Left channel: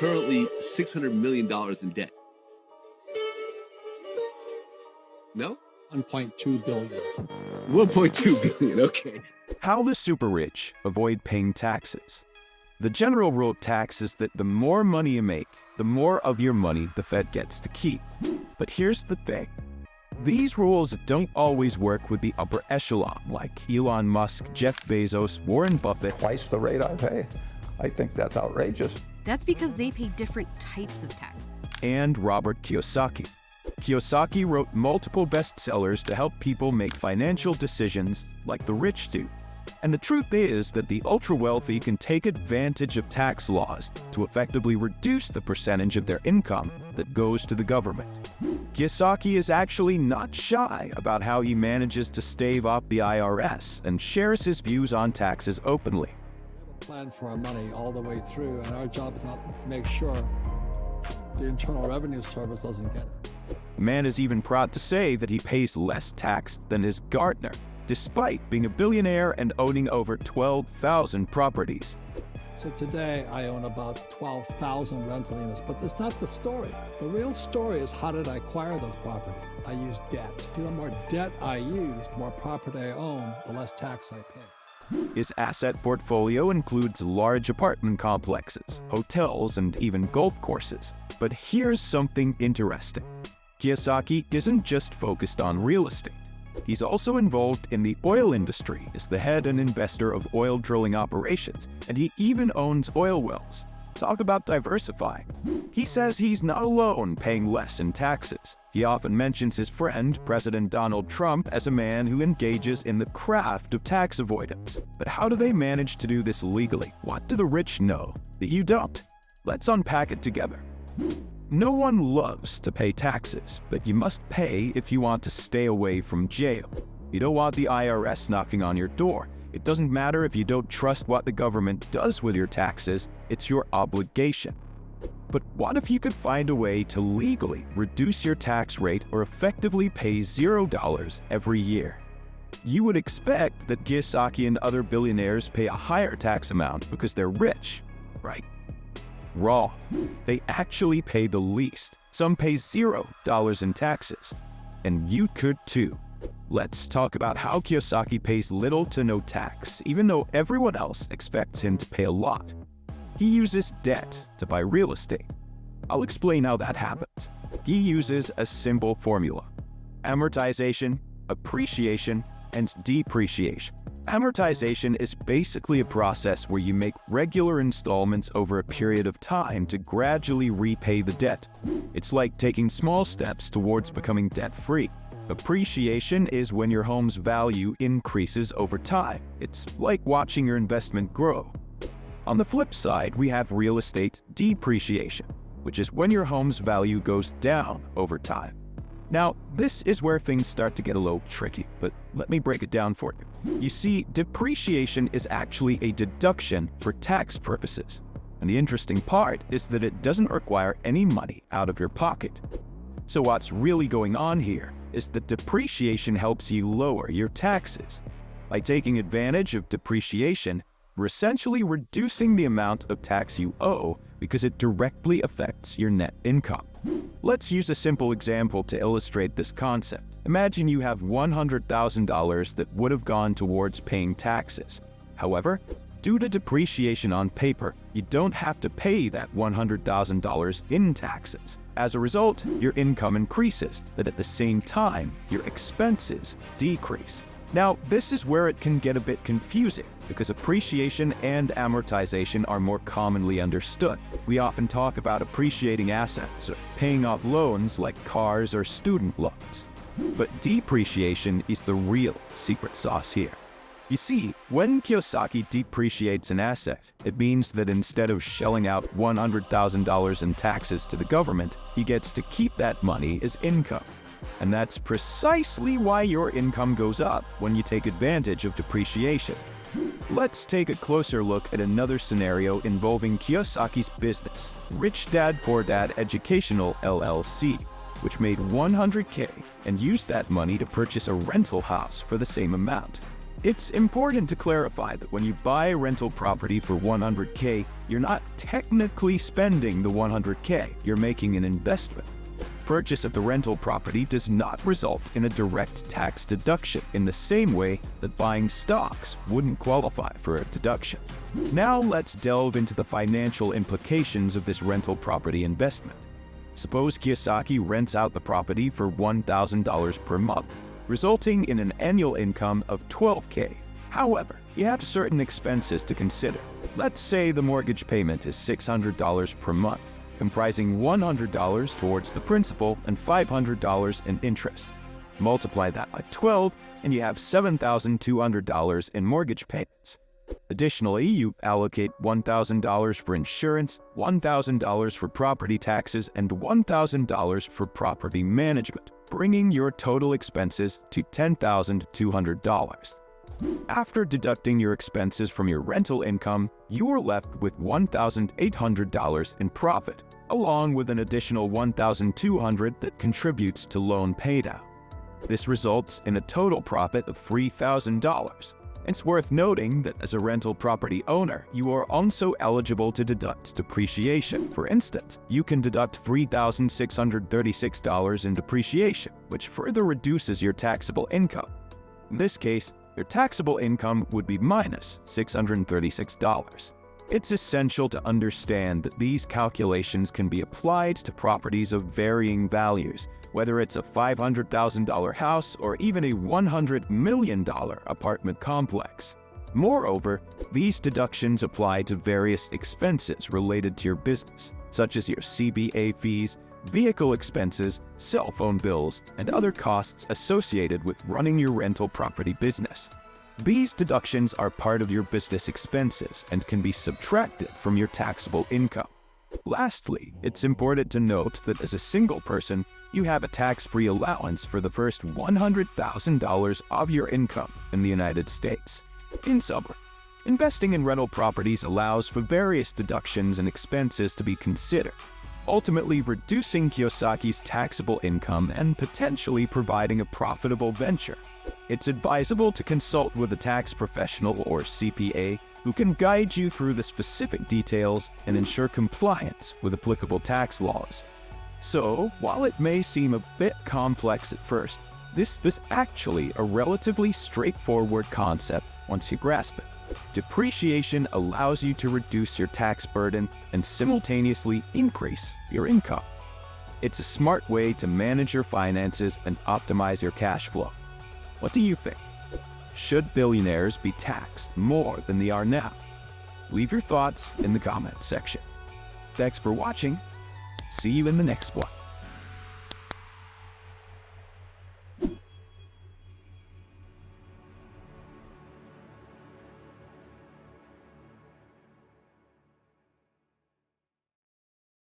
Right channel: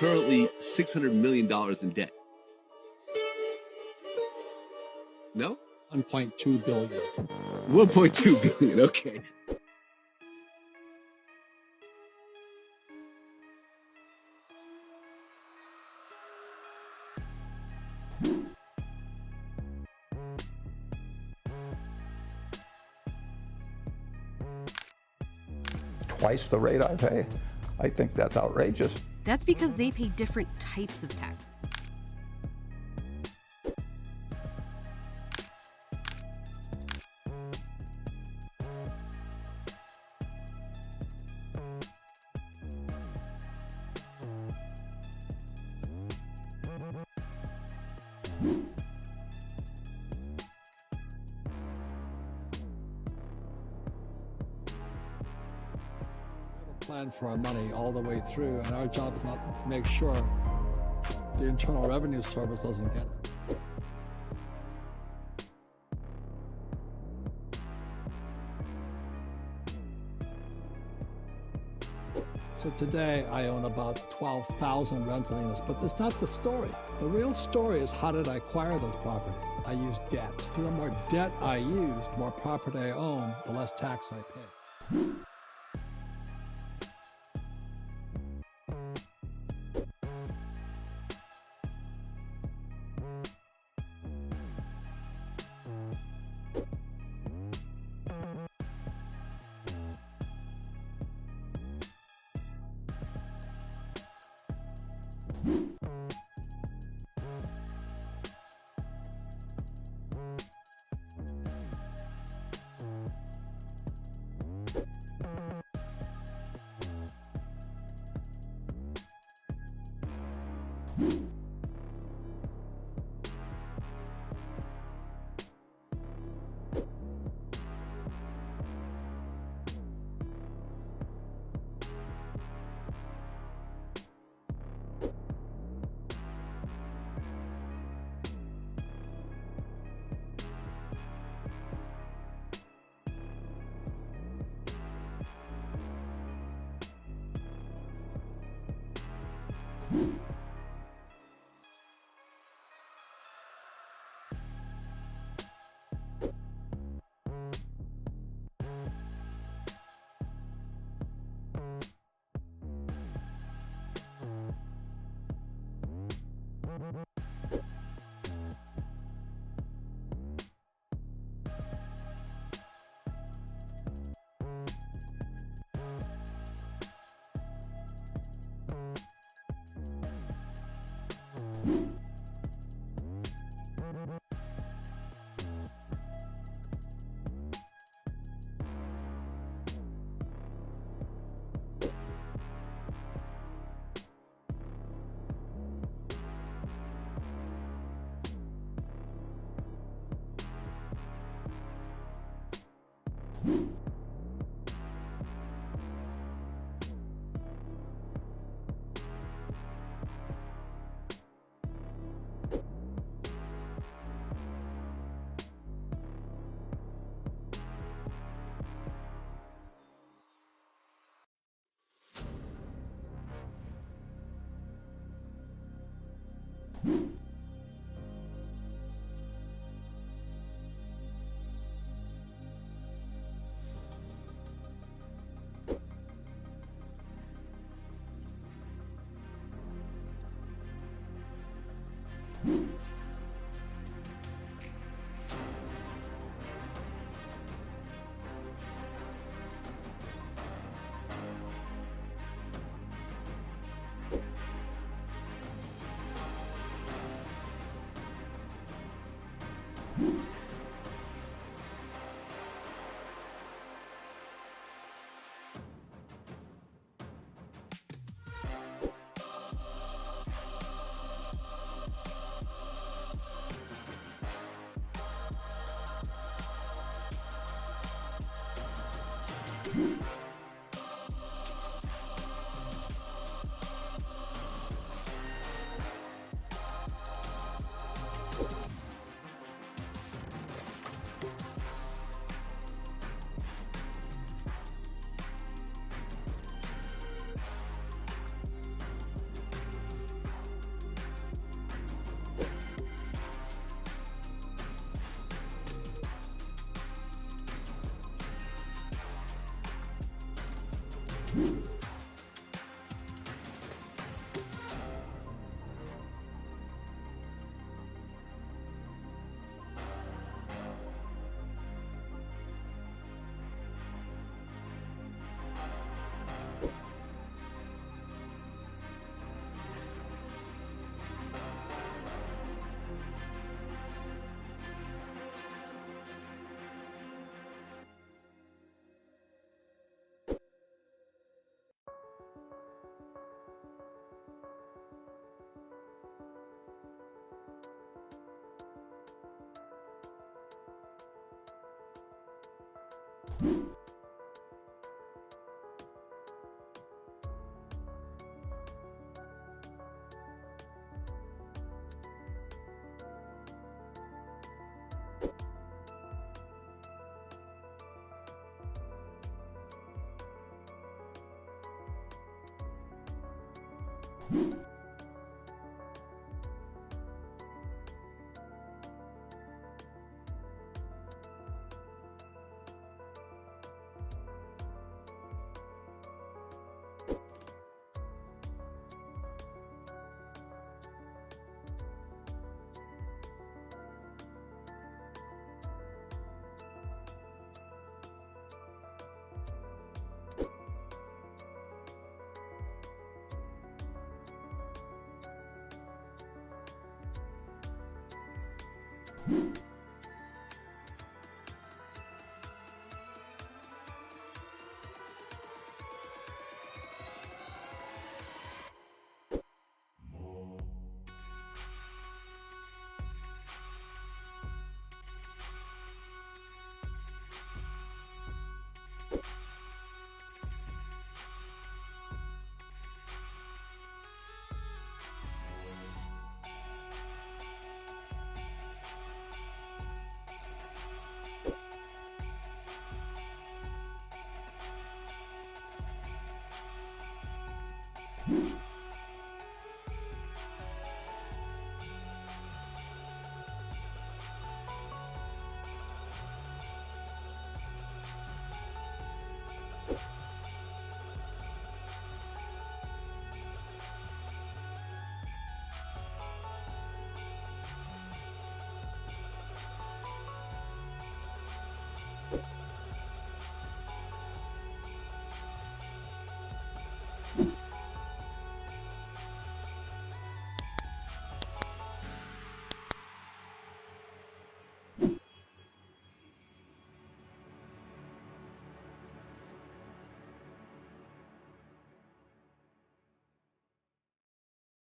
currently $600 million in debt. No? 1.2 billion. 1.2 billion, okay. How the super rich avoid paying taxes. The general rule of tax is that the more money you make, the more of your money the Fed gets to keep. But here's the thing. These rules don't always work with the upper echelon, like Elon Musk, Jeff Bezos, Warren Buffett. Twice the rate I pay. I think that's outrageous. That's because they pay different types of tax. And Robert Kiyosaki. Kiyosaki wrote multiple bestsellers to help people make financial decisions like the rich do. And the truth is that the ultra-wealthy can take advantage of tax laws to effectively reduce the percentage of their income that goes to the government. Kiyosaki is actually not shy about how he manages to stave off the IRS and shares his views on taxes openly. We have a plan for our money all the way through, and our job is not to make sure the Internal Revenue Service doesn't get it. The man is even proud to say that he pays less tax than his gardener, despite being a billionaire and owning over 12,000 properties. So today I own about 12,000 rental units, but that's not the story. The real story is, how did I acquire those properties? I used debt. See, the more debt I use, the more property I own, the less tax I pay. His asset portfolio includes large apartment complexes, hotels, and even golf courses. But here's something interesting. Kiyosaki isn't just focused on real estate. He's also involved in the oil industry as the head and investor of oil drilling operations, and he even owns oil wells. Talk about diversifying. He says he's not alone paying less in taxes. He often mentions his friend, President Donald Trump, as a man who engages in the craft of tax avoidance. But how do they manage to do this legally? What do the rich know that you don't? Let's unpack it together. No one loves to pay taxes, but you must pay if you want to stay away from jail. You don't want the IRS knocking on your door. It doesn't matter if you don't trust what the government does with your taxes, it's your obligation. But what if you could find a way to legally reduce your tax rate or effectively pay $0 every year? You would expect that Kiyosaki and other billionaires pay a higher tax amount because they're rich, right? Wrong. They actually pay the least. Some pay $0 in taxes. And you could too. Let's talk about how Kiyosaki pays little to no tax, even though everyone else expects him to pay a lot. He uses debt to buy real estate. I'll explain how that happens. He uses a simple formula: amortization, appreciation, and depreciation. Amortization is basically a process where you make regular installments over a period of time to gradually repay the debt. It's like taking small steps towards becoming debt-free. Appreciation is when your home's value increases over time. It's like watching your investment grow. On the flip side, we have real estate depreciation, which is when your home's value goes down over time. Now, this is where things start to get a little tricky, but let me break it down for you. You see, depreciation is actually a deduction for tax purposes. And the interesting part is that it doesn't require any money out of your pocket. So what's really going on here is that depreciation helps you lower your taxes. By taking advantage of depreciation, we're essentially reducing the amount of tax you owe because it directly affects your net income. Let's use a simple example to illustrate this concept. Imagine you have $100,000 that would have gone towards paying taxes. However, due to depreciation on paper, you don't have to pay that $100,000 in taxes. As a result, your income increases, but at the same time, your expenses decrease. Now, this is where it can get a bit confusing, because appreciation and amortization are more commonly understood. We often talk about appreciating assets or paying off loans like cars or student loans. But depreciation is the real secret sauce here. You see, when Kiyosaki depreciates an asset, it means that instead of shelling out $100,000 in taxes to the government, he gets to keep that money as income. And that's precisely why your income goes up when you take advantage of depreciation. Let's take a closer look at another scenario involving Kiyosaki's business, Rich Dad Poor Dad Educational LLC, which made $100K and used that money to purchase a rental house for the same amount. It's important to clarify that when you buy a rental property for $100K, you're not technically spending the $100K, you're making an investment. Purchase of the rental property does not result in a direct tax deduction in the same way that buying stocks wouldn't qualify for a deduction. Now let's delve into the financial implications of this rental property investment. Suppose Kiyosaki rents out the property for $1,000 per month, resulting in an annual income of $12K. However, you have certain expenses to consider. Let's say the mortgage payment is $600 per month, comprising $100 towards the principal and $500 in interest. Multiply that by 12, and you have $7,200 in mortgage payments. Additionally, you allocate $1,000 for insurance, $1,000 for property taxes, and $1,000 for property management, bringing your total expenses to $10,200. After deducting your expenses from your rental income, you are left with $1,800 in profit, along with an additional $1,200 that contributes to loan paydown. This results in a total profit of $3,000. It's worth noting that as a rental property owner, you are also eligible to deduct depreciation. For instance, you can deduct $3,636 in depreciation, which further reduces your taxable income. In this case, your taxable income would be minus $636. It's essential to understand that these calculations can be applied to properties of varying values, whether it's a $500,000 house or even a $100 million apartment complex. Moreover, these deductions apply to various expenses related to your business, such as your CPA fees, vehicle expenses, cell phone bills, and other costs associated with running your rental property business. These deductions are part of your business expenses and can be subtracted from your taxable income. Lastly, it's important to note that as a single person, you have a tax-free allowance for the first $100,000 of your income in the United States. In summary, investing in rental properties allows for various deductions and expenses to be considered, ultimately reducing Kiyosaki's taxable income and potentially providing a profitable venture. It's advisable to consult with a tax professional or CPA who can guide you through the specific details and ensure compliance with applicable tax laws. So, while it may seem a bit complex at first, this is actually a relatively straightforward concept once you grasp it. Depreciation allows you to reduce your tax burden and simultaneously increase your income. It's a smart way to manage your finances and optimize your cash flow. What do you think? Should billionaires be taxed more than they are now? Leave your thoughts in the comments section. Thanks for watching. See you in the next one.